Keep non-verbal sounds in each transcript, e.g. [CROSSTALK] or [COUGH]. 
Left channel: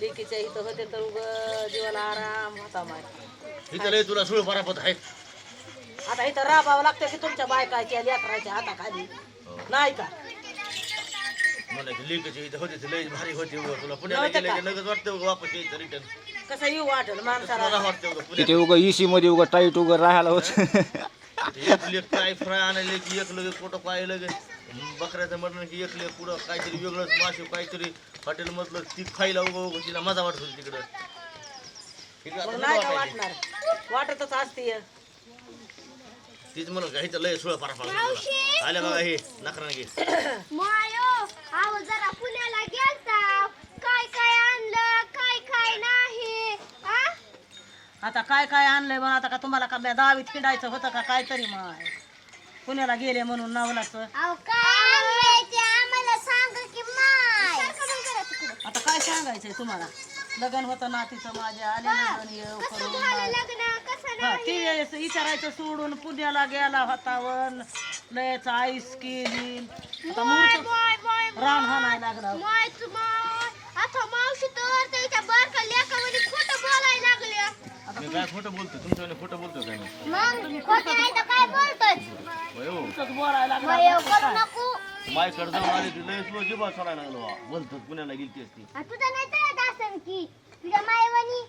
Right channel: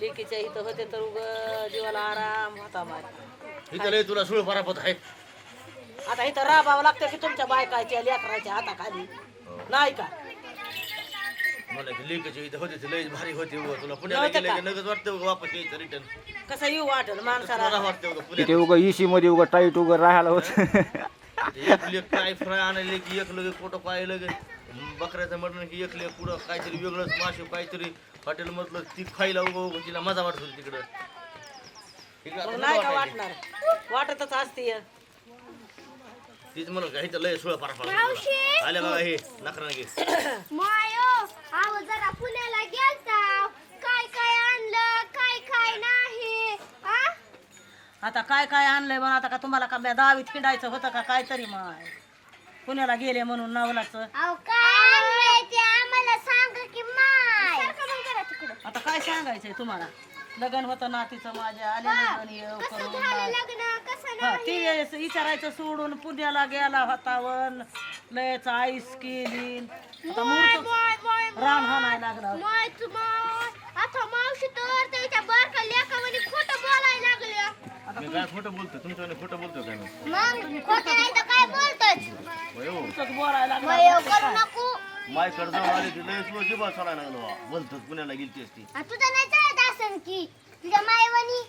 लेकीच्या इथं होते तर उग जीवाला आराम होता माझ्या इथं लय तुला सुळ परापत आहे. आता इथं राबावं लागतं की तुमच्या बायकाच्या लेकराच्या हाताखाली. नाही का? मला की लेकीच्या इथं होते ते लय भारी होते उगा. तुला पुण्याला नव्हतं गेले का? की लगेच वाटतं उगा वापस यायचं रिटर्न कसं येऊ वाटेल माणसाला? वाटतं उगा तिथे उगा इसी मध्ये उगा टाईट उगा राहायला होत. [LAUGHS] एक लेक काय फ्राय आणायला की एक लगे कुठं काय लगे बकऱ्याचं मटण की एक लेक कुठं काहीतरी वेगळंच मासे काहीतरी. हॉटेल मधलं ती खायला उगा उगा तिला मजा वाटत होती तिकडं. आता मग नाही का वाटायला. वाटणार? वाटतच असते. तीच म्हणलं का इथं लय सुळ परापत तुला. आले बघा हे नकरा घे. मायो आव जरा पुण्याला गेलता. आता काय काय आणलंय मग आता का तुम्हाला का बे- दहावीत किंडायचं होतं का काय तरी मग पुण्याला गेले म्हणून नवलाचं. अहो काय आणलंय ते आम्हाला सांग की माय. आता काय सांगायचंय तुम्हाला? लग्न होतं नातीचं माझ्या आले लग्न येऊ करून झालं लग्न? कसं हा, ते विचारायचं सोडून पुण्याला गेला होता वन लयच आईस केली. आता मूर्त माय माय रान हाणायला लागला. माय माय आता मावशी तर त्याच्या बारका लेकामध्ये खोटं बोलायला लागल्या मी काय खोटं बोलतो तुमच्याकडे खोटं बोलतो काय मी मग खोटं नाही तर काय बोलतोच होय हो. तुमचंच बोलायला माय लागला करू नको. मायकडे जाऊन आली ती लय स्लो जिबा चालायला लागलो बा. बोलतो पुण्याला गेलती असती. आ, तुझं नाही चालत की. तुझ्या मायवणी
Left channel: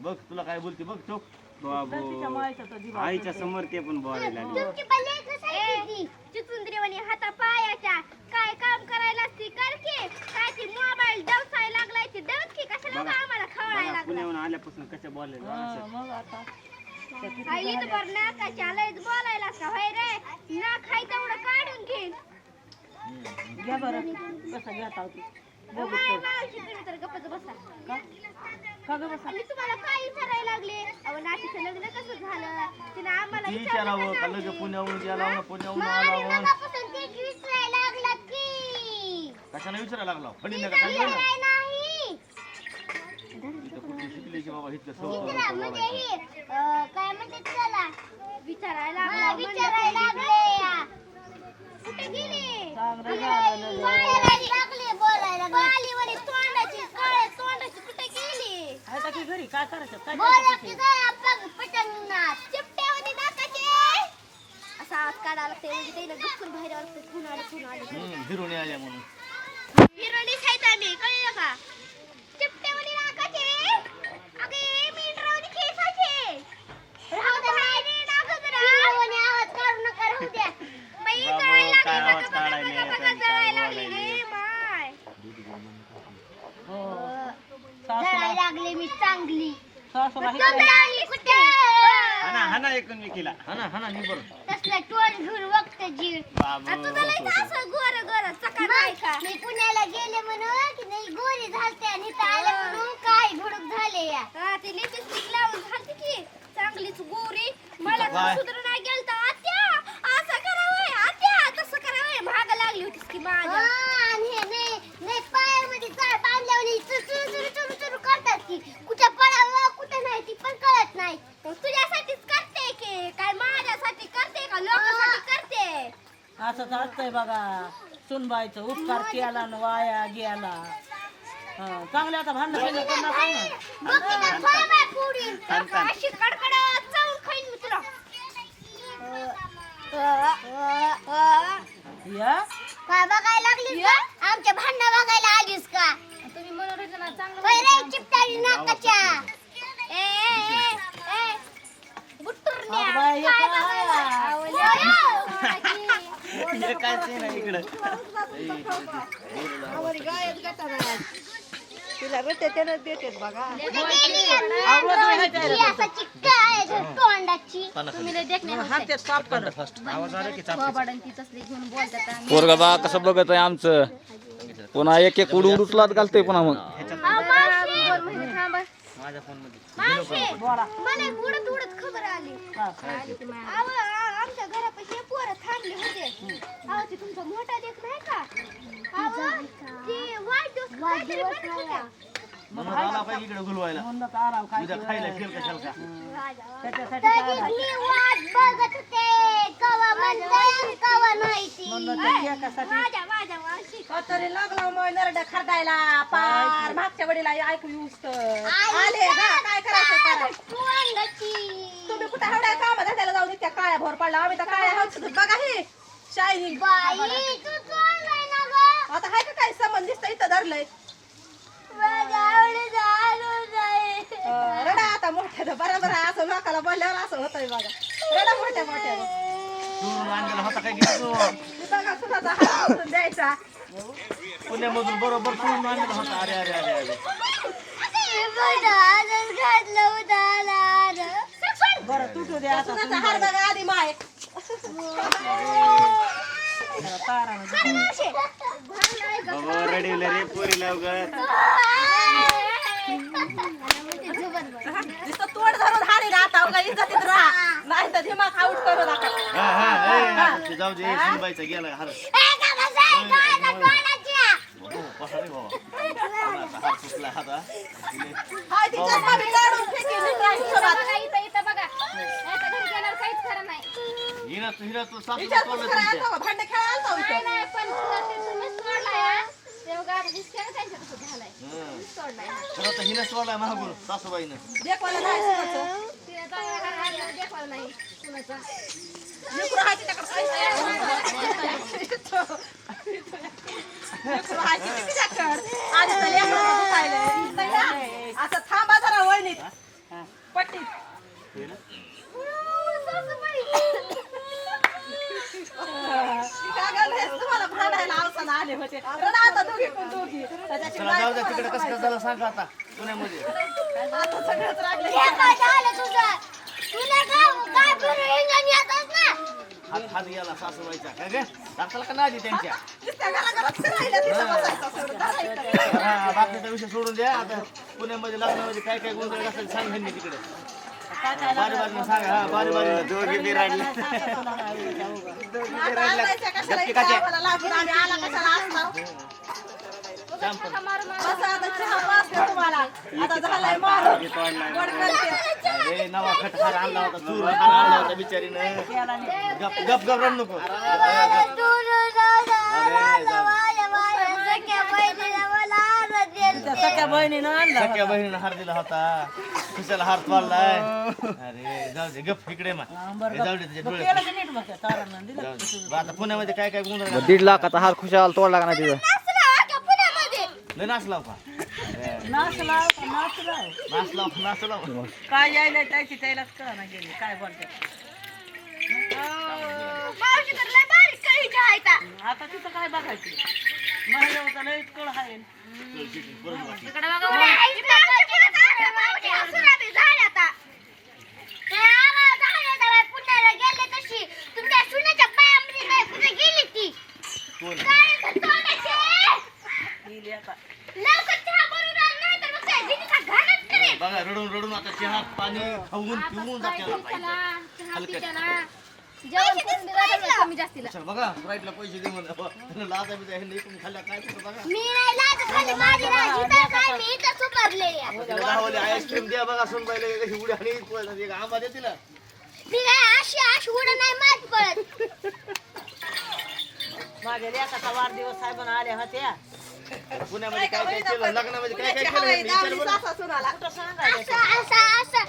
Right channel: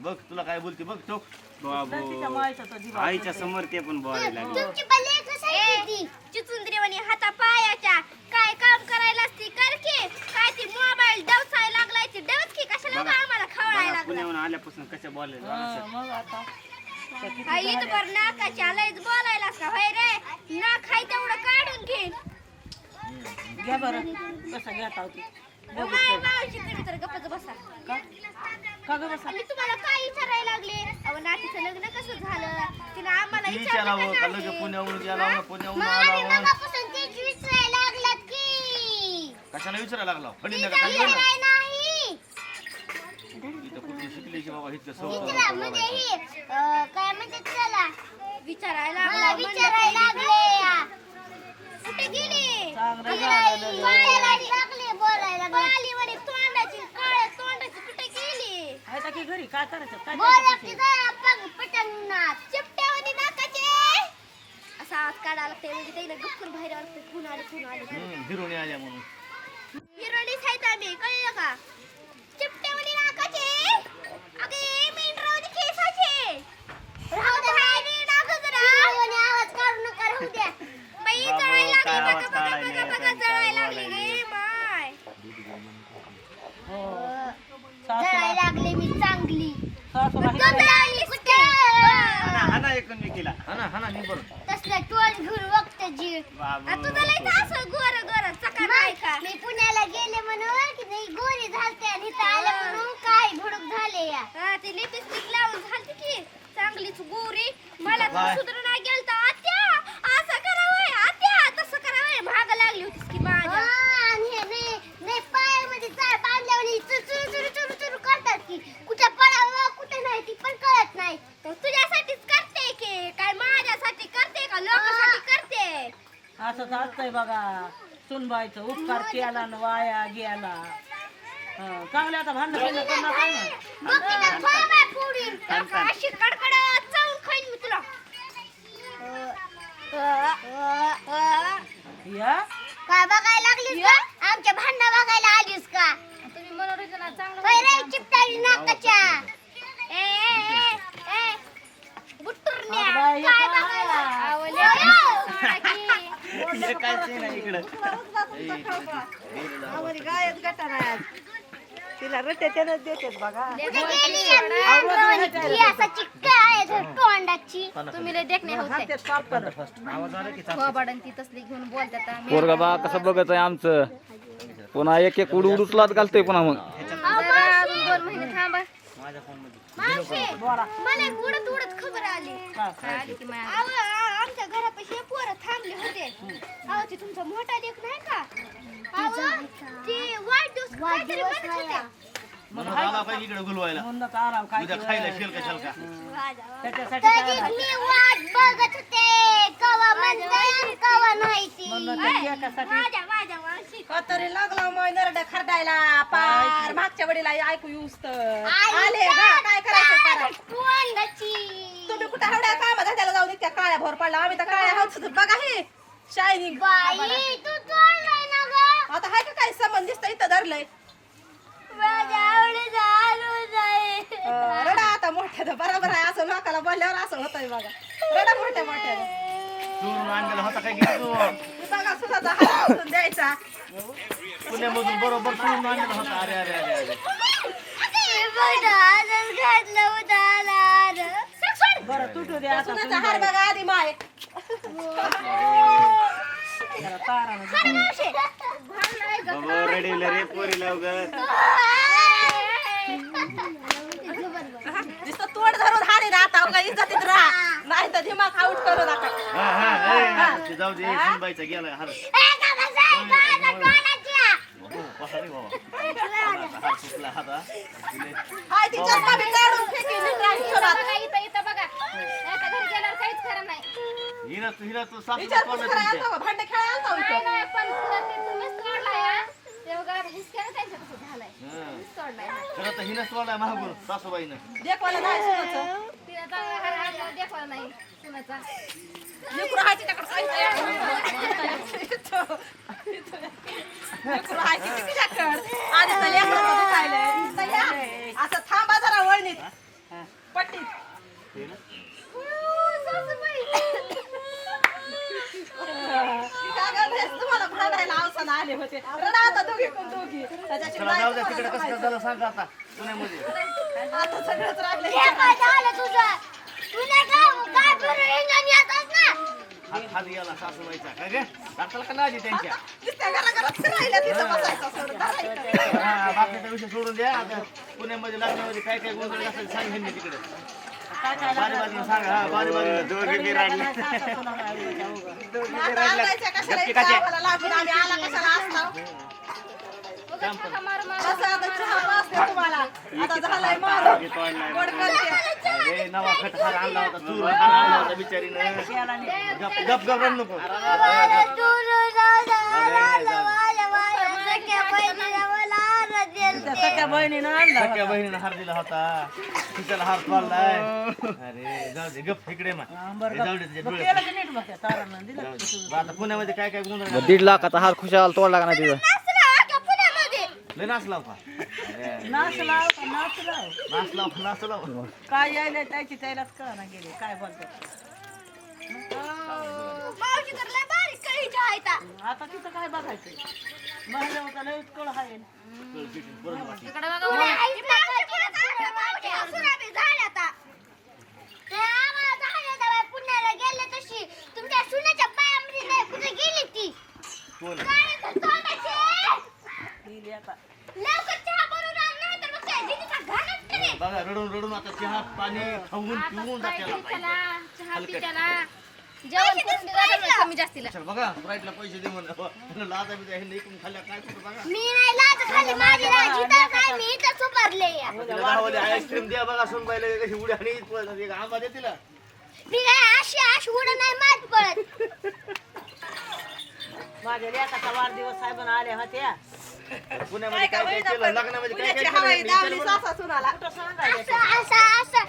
बघ तुला काय बोलते बघ तो तिच्या मायचं जीवा आईच्या समोर ते पण बोलायला लागले. तुमची चिचुंद्रीवाणी हाता. पायाच्या काय काम करायला असती? कर की. काय ती मोबाईल डवसायला लागलाय ती. डवच की कशाला उगा आम्हाला खवायला बघा लागला पुण्याहून आल्यापासून कसं बोलायला हा, मग आता. त्या किती आई तर बरं नाकाच्या लयच बोलायला का होय रे ना खाय तेवढं काढून घे. घ्या बरं. कसं घेता होती. बघू माय मावशीकडे तर गप्पच बसा. का? का ग बसा? आणि तुम्हाला काय विचारायला लागले? अहो नातीचं लग्न कसं झालं? तिनं आम्हाला विचारावं का? लगे पुण्याहून गेला पुण्याहून आला वन. मगापासून तेच विचारायला लागलात की कशाला विचारायला लागला? फडी नका काय ना नाही. इथं कुठली शिकली की बाबा इतकं तिला सवय अं, काय म्हणते त्याला? विचारायला मला विचारायला लागले. कुठे गेली? चांगलं झालं लग्न. पायाला लागले बोलायला पालीवाणी तोंडाची काळ्या तोंडाची कुठे गेली? आहे का की घरी? काय करायचं? काय बोला करायचं की ते? जरा पग पटंगणात. चिपट्यावानी नाकाचे. असा हात काढायला लागते म्हणजे त्याला गप्पूर बाहेर लागते कुण आले कुण आले. हिरोणी आल्या म्हणून. आम्ही कळलं का? चिपट्यावानी नाकाचे. अगे मेंढरावानी केसाचे. राहू दे बाई, नाक जरा. आवाज काढू नका राहू द्या. बाई, जळायला काय लागली, बघा, बघा, बघा, जळायला लागली. रे, माय. हो. जळायला लागले मी चांगली. सासूला हे कपडे आणले कुठे हाना हाना एकूण केला हा ना हा ना नि तसलं टोन घेऊन बघतो जीव. बाबू. आणि तुझं लय तर असं गोर गोर चकार आहे का? मी पुण्याला गेले म्हणून की नाही गोरी झालते आणि इथं आले म्हणून काय भडक झाले या? हा ती लिपस्टिक लावून झालती की. चांगलीच गोरी. मला तर काय? सुधरून नाही गेलता. आत्या असं करावं आत्या तसं करावं. महाग लागली होतीस की माझ्या. आणि हे नाही नाही पायामध्ये चाळ बांधल्यावर चुरू चुरू चुरू चुरू करतात की. कुठं पडावं कुठं नाही ती पण कळत नाही. तुझ्यासाठीच करते की काय माझ्यासाठी करते का लोकांसाठी करते? असंच असतंय बघा. सुनबाईचं उपकार केला न वाया गेला. हा, चांगले आता भांडण बिंडण करू नका ना. बघ तिथं फळबाय फोडीन. अशी कडकडत चावून खाईन मी तुला या काय बघायला लागलीस का आमच्या भांडणं बघायला आलीस का तुम्ही मनोरंजनात चांगलं चिपटाळी नाकाच्या ए ए, ए, ए, बुट्टुरण्या, अगं बाई, काय हे बघायला? काय? आवलं. हे काय ते नाही इकडं ए, तिथं ते गेलेलं कुठे गेली या मेंढरावानी केसाची काय आहे तोंडाची तुम्ही लय देखणे हा ते साफ कर. पोरगा बा कसं बघत आहे आमचं? पुन्हा एक एक उडू उडूचलात घालतोय पुन्हा मग. दोन महिने थांबा. मावशी मला एक उडत उडत खबर आली. हा. अहो, आ- आमच्या घरापाशी पोरं थांबले होते. अहो ते तुमचा मोठा लेख नाही का? अहो, ते वाढदिवस काहीतरी बनत होते. म्हणून आला पाहिजे इकडे गुलवायला. म्हणलं तर आराम काय उद्या खायला शेल का का? त्याच्यासाठी काय तरी नाही. मी वाट बघत होते. कवा म्हणताय कवा नाही ती म्हणलं त्या केकासाठी माझ्या माझ्या मावशी. तरी लागला मग नरड्या खरडायला. पार मागच्या वडीला ऐकू येऊस तर. आले काय करायचं करा तुम्ही कुठं हवड्या? काम धंद्याला जाऊ दे त्या काळ्या भोर पडला. आम्ही तर काळ्या हाऊस बघा हे शायनिंग. बाई तू तोंडाय ना ग. आता हाय का काय संबंध दिसतं इथं धरलंय माझ्या आवडीचं आलू जाई अं, रडा आता मोठ्या बरोबर आहे असं लोकाला बोलल्यावर असं होतंय बघा. रडा मोठ्या मोठ्या चोरून आणलेला होता काय घेतो बघा सुद्धा हात उचलून द्यायचा. पुण्यामधून बरोबर चोरून आणलेला होता. अरे अरे अरे अरे. मी फक्त आजच घातलं होतं आला. बरं तुटू दे आता. सुनाचा हार बघा आधी माय. जरा तारानं नुसतं तोड धरून हारे ना आता उगा इज्जतीत राहा. नाही तर दिमाग आउट करू नका. हा, हा, ए, ते जाऊ दे सुनबाईचा गेला हार कसा रे बाबा. कोणाचा हार सुटला हाता तिने हाय ती चष्मा बी काढून फेकीन इकडं हिशोबात. हिरा तू हिरा तू सासू? भांडे खेळायला इथं. हं. हिनं सोडलाय सासूबाईनं असं थांबा जरा वळणीत पट्टीत तुम्हाला आले होते. रडा आता दोघी कोण दोघी. चला जाऊ द्या तिकडे कसं कसं झालं सांगा आता पुण्यामध्ये. आता सगळंच राहिले हात हात गेला सासूबाईचा. काय गे? दाखल का नाही त्यांच्या? नुसत्या घराघरात फिरायला तिथं बसायचं सोडून धरायचं. हा, बाकीचा विषय सोडून द्या. आता पुण्यामध्ये लग्नामध्ये काय काय गोंधळ घातले सांग ह्यांनी तिकडे. हा नवा हार आणला होता चूर हार आणला होता बिचारीनं गप गप गप नको. त्या सख्या बहिणीनं आणला. सख्या बहिणीनं हार दिला होता. खिशाला हार तोडलाय अरे जाऊ दे गप इकडे मग. जाऊ दे तुझ्या डोळ्यात. जाऊ. आता पुण्यामध्ये काय काय मग दीड लाखाचा हार खुशाल तोडला का नाही तिथं. लय नाच लाव का? नाच लाव का नाच लाव? नाच लाव नाच लाव? काय यायला त्याची त्यालाच गेली काय बोलतात आता तिथं काय बघायचं? आहे काय बघा रडून रडून आता चहा पाणी खाऊन पिऊन जाते चल बघा फ्लाईटला पैसे दे म्हणा लाजा काय कुठं बघा. मी नाही लाज खाली माझी नाही जिथं काय मी इथं सुपारले तिला दहावाली आईस्क्रीम द्या बघा सुन पाहिलं कशी उड्या आणि पळत एक आंबा दे तिला. मी काय अशी अशी उडं नाही मात पळत. माझ्या लेकाचा वाढदिवस साहेबांना आल्या होत्या पुण्यामध्ये काय काय केलं? लग्नामध्ये काय काय केलं? असं.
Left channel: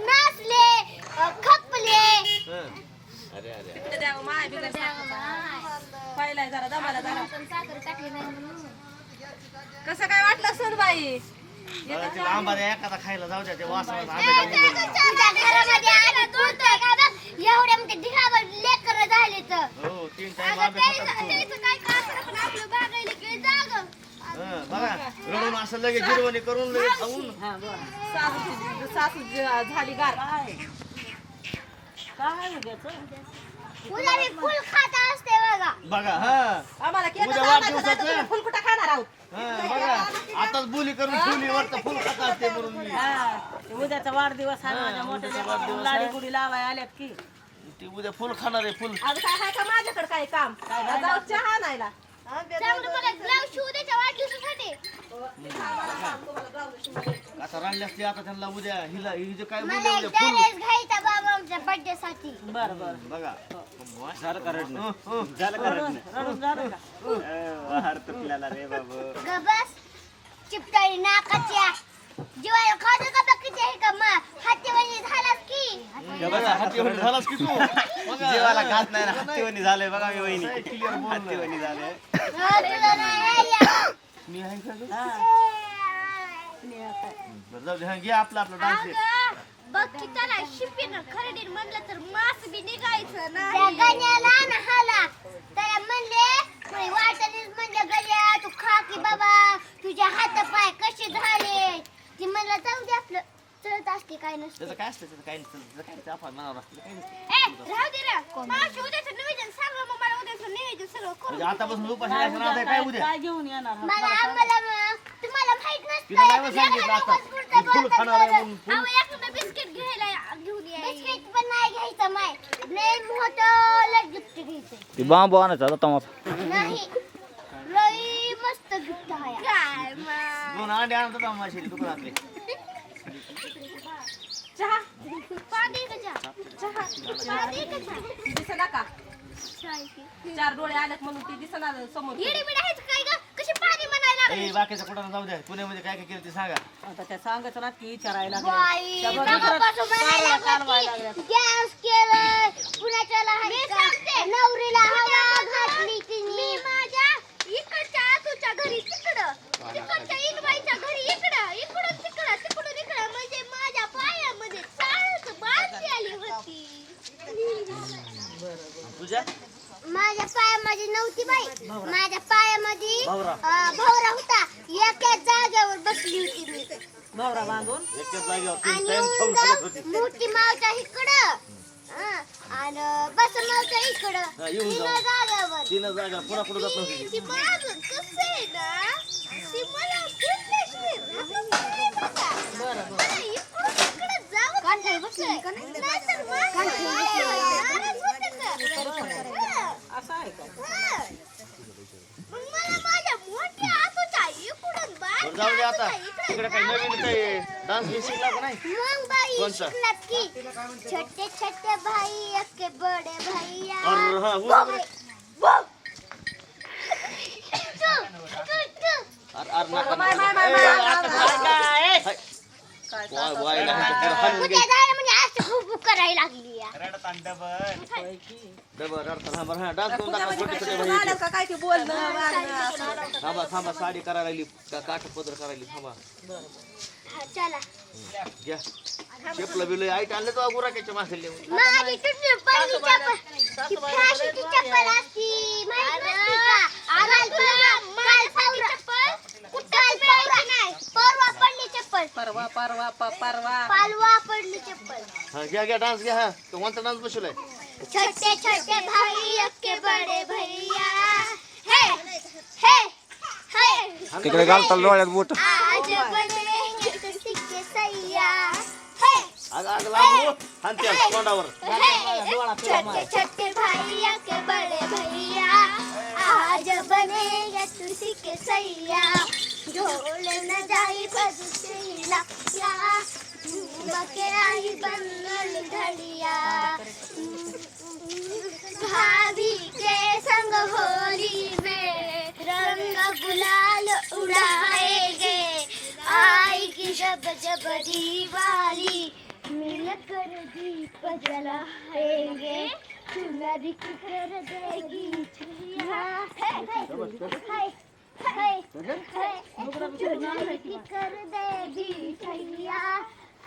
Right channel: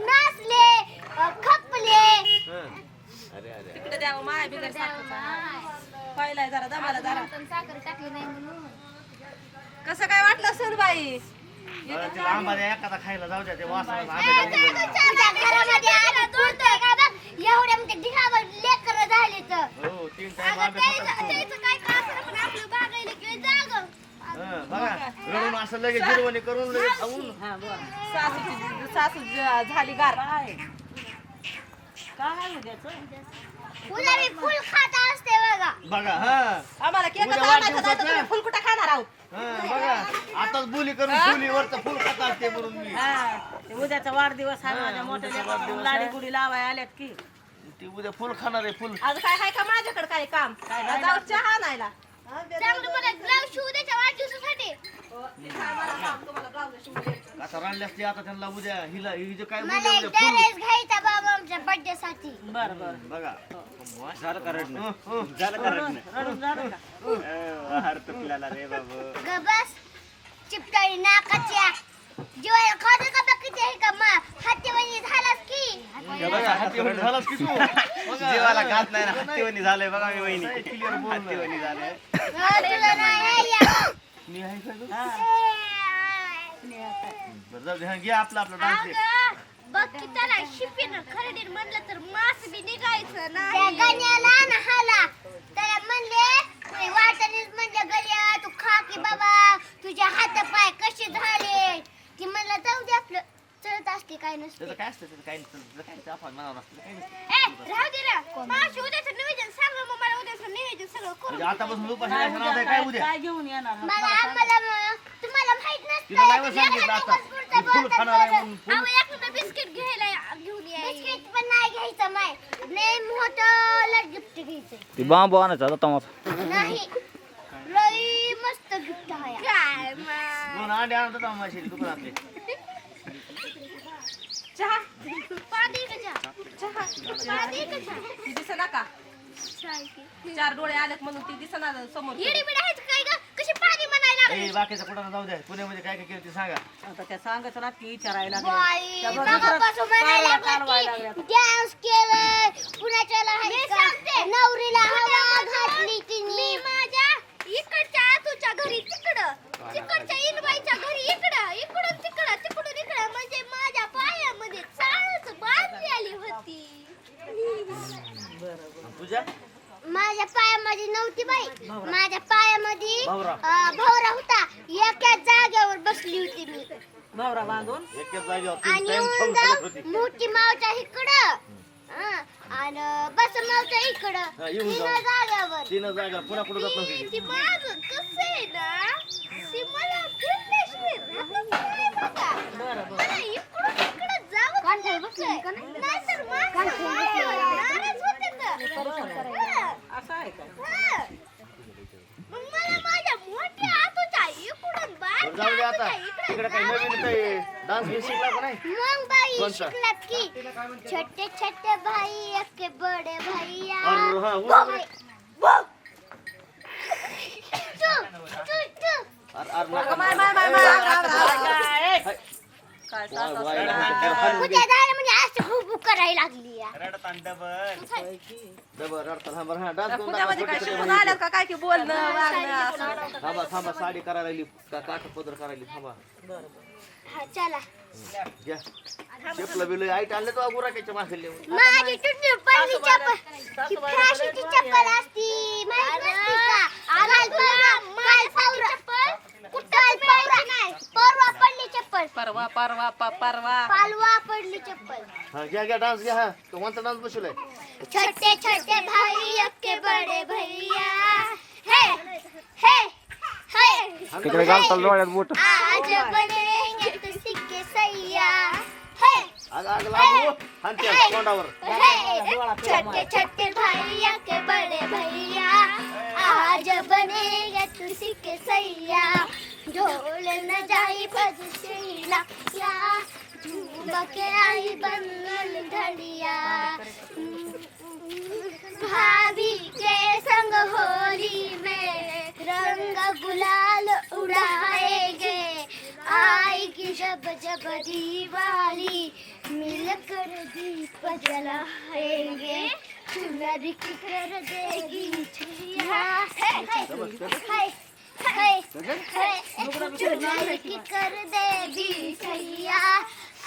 नाचले खपले. हं. अरे अरे अरे. इकडे द्यावं माय बिगर. पाहिलाय जरा दमाला जरा. कसं काय वाटलं आंबा द्या एखादा खायला जाऊ द्या ते वासाला ए, आंब्याचा ते निघाला. तुमच्या घरामध्ये आलं दूरतोय का बघ एवढ्या म्हणजे ढिगावर लेकर झाले तर हो तीन टाइम अगं आंबे त्याचं खातात तू. त्याचं काय का पण आपलं बागायला की जाग हं, बघा रडून असं लगेच जिरवणी करून लगेच खाऊन. हा बरं. सासूची सासू ज- झाली गार. काय? काय उद्याचं उद्या मी फुल खात असते बघा. बघा हा. आम्हाला केक उद्या. तुम्ही फुलकुटा खाणार आहोत? हं, बघा. आताच बोली करून ठेवली वरचं फुल खात असते म्हणून मी. हा. ते उद्याचा वाढदिवस आहे माझ्या मोठ्या लेकाचा लाडी गुडी लावाय आल्यात की. ती उद्या फुल खाणार आहे फुल. आज काय आहे का माझ्याकडे काय काम? जाऊ चहा आणायला. चांगलं मला ब्लाऊज शिवू द्याच्या वाढदिवसासाठी. आता राहिली असते आता त्यांना उद्या हिला हिचे काय मला बोलले एक उद्या फुल. ड्रेस घ्यायचा बाबा आमच्या बर्थडे साठी बरं बरं. बघा. झालं का रडणं? हं, हं. झालं का रडून रडणं? रडून झालं का? अं, वाहर तुटल्याला रे बाबू. गबस चिपटाळी नाकाच्या जीवाला खात का बाकीचे हे का मग हातीवाली झालास की बघा, हाती एवढी झालास की तू बघा. [LAUGHS] जीवाला घात नाही ना हत्तीवणी झालंय बघा मी वहिनी. Clear बोल ना. हत्तीवणी झालंय. हो, तुला नाही या. मी आहे का गं? हा. स्नेहाचं आहे. बरं, जाऊ दे, हा, घे आपला आपला डान्स अगं, बघ की त्याला शिपीनं खरेदीर म्हणलं तर मास बी निघायचं ना त्या गण्याला ना हाला. त्याला म्हणले वाटणीच म्हणले गड्या तू खा की बाबा. तुझे हात पाय कसे झाले ती म्हणलं जाऊ दे आपलं असते काय नसते त्याचं काय असतं त्याचं काय नसतं त्याचं काय नसतं, आपण मनावर असतं काय नसतं. ए राहू दे ना मावशी उद्याचं निवेदन सांग मग मला उद्याचं निवेदन सगळं करून म्हणजे आतापासून उपाशी काय आहे, काय उद्या काय घेऊन येणार हा? मला. आम्हाला मग- तुम्हाला माहीत नसतं तिला नाही एखाद्या सांगितलं आता. दिवस पुढचं मी फुल बोलतात खाणार आहे बरं. म्हणून फुल. एखादं बिस्किट घ्यायला घेऊन या बिस्किट पण नाही घ्यायचं माय लय मोठं गिफ्ट घ्यायचंय ते बांबू आणायचा आता टमाटर नाही लय मस्त गिफ्ट आहे काय दोन अंडे आणतात आम्ही माशेरी दुकानातले [LAUGHS] चहा. दिसना का? चाय की. चार डोळे आलेत म्हणून ती दिसना समोर. येडी बिडी आहेच काय ग? कशी पाणी म्हणायला ए, लागली बाकीचं कुठं जाऊ द्या. पुण्यामध्ये काय काय केलं ते सांगा. आता त्या सांगायचं ना की विचारायला त्या बरोबर. लागल्या. केलं का? नवरीला हवा घातली तिने. मी माझ्या इकडच्या तुझ्या घरी तिकडं तिकडच्या इनबाईच्या घरी इकडं इकडून तिकडं तिकडून इकडं म्हणजे माझ्या पायामध्ये चाळच बांधली आली होती तुझ्या माझ्या पायामध्ये नव्हती बाई माझ्या पायामध्ये भावरा. अं, भावरा होता एका जागेवर बसली होती मी भावरा बांधून एकच जागेवर तीन आणि टाइम खाऊन मोठी मावच्या इकडं. हं, आणि बस मावच्या इकडं. हा, येऊन तीन जाऊ. जागेवर तीन जागा पुन्हा कुठं जात नव्हती ती माझं कसं आहे ना ती मला फिरल्याशिवाय राहतच नाही बघा. मला इकडून तिकडं जावंच लागतंय. नाहीतर माझं माझ्यावर नाराज होते तर. हं. असं आहे का? हं. मग मला माझ्या मोठ्या आतूच्या इकडून बरं, बाहेर जाऊ दे आता. आतूच्या इकडं तिकडे काही नवीन काही डान्स हे शिकला का नाही मग बाई कोणता? शिकलात की छोटे छोटे भाई अक्के बडे भैया अरे हा. भाई. बघ. तू, तू, तू. अरे अरे नका माय, नका. माय, माय, ए, माय, आता माय, काय- काय हाय. काय वाय, वाय, नका हाणून उद्या झालं म्हणजे करायला लागली या. रडत डबल. होय की? दे बरं, रडता थांबा, हा, डान्स करून टाका, पुण्यामध्ये छोटे काय छोटे का? ते बोलणं? वागणं थांबा थांबा साडी करायला लागली का काठ पदर करायली थांबा. हा, चला. घ्या. शेपलं बिल आईट आणलं तो गुराक्याच्या माझी तुझी पहिली चप्पल. ही फॅशनची चप्पल असती माहीत नसती का? काल तुला- काल परवा- काल परवा- परवा पडली चप्पल परवा परवा प- परवा. पालवा पडली चप्पल. हा घ्या घ्या डान्स घ्या हा. तो कोणता डान्स बसवलाय? छोटे छोटे भाई अक्के बडे भैया. हे हे हे. तिकडे घालताल डोळ्यात बोट. आज बने सिक्के सैया. हे आग आग लागू. हानते तोंडावर. छोटे छोटे भैया के बड़े भैया. आज बनेगा तुलसी के सैया. ढोल न जाई बजसेला या के आई बनल घड़िया भाभी के संग होली में रंग गुलाल उड़ाएँगे आएगी जब जब दिवाली मिलकर दीप जलाएँगे चुनर की कर देगी है है है की कर देगी छैया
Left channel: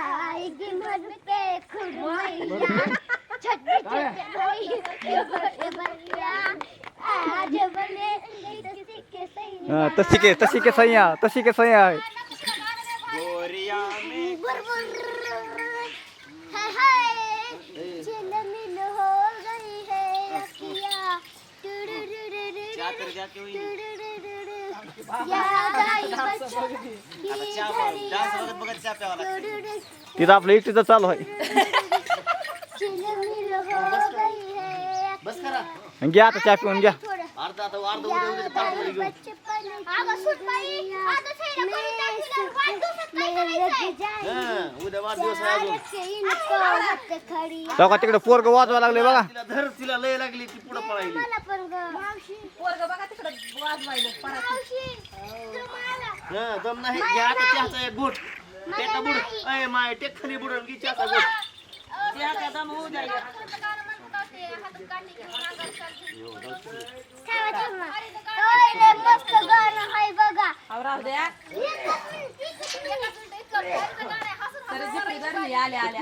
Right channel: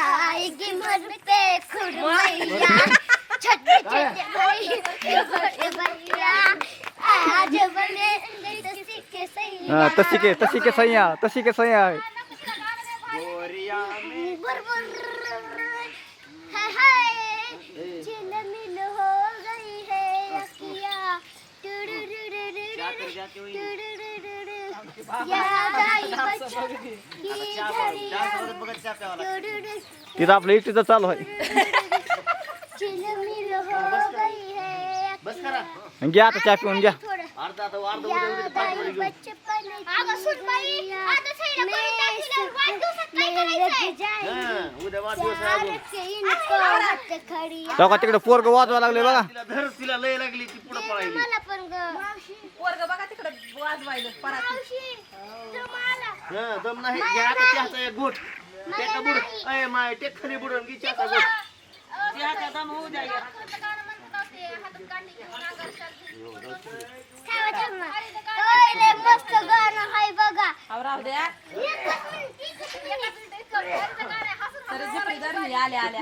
आएगी मन पे खुरमैया छोटे छोटे भाई के बड़े भैया आज बने तसी के सैया हा, तशी के तशी के सह्या तशी के सह्या आहे गोरिया हाय हाय चिलमिल हो गई है अखियाँ याद [LAUGHS] तिथं आपलं इटीचं चालू आहे. [LAUGHS] घ्या आता चहा पिऊन घ्या. हं, उद्या वाढदिवस आहे अजून. तेव्हा का तिकडे पोरग वाजवायला लागले बघा. तिला धर तिला लय लागली ती पुढे पळायली. पोरग बघा तिकडं वाजवायलं पराती. तुम्हाला. हं, दम नाही. घ्या आता चहाचा एक घोट टेका बुड अय माय टेक खाली बुडून घे चहाचा घोट त्याचा दम होऊ द्या. एक. थांबा, थांबा. ओय, लय मस्त गाणं आहे बघा अहो, राहू द्या एकच मिनिट, एकच मिनिट. तरी झिपरी धरली आल्या आल्या.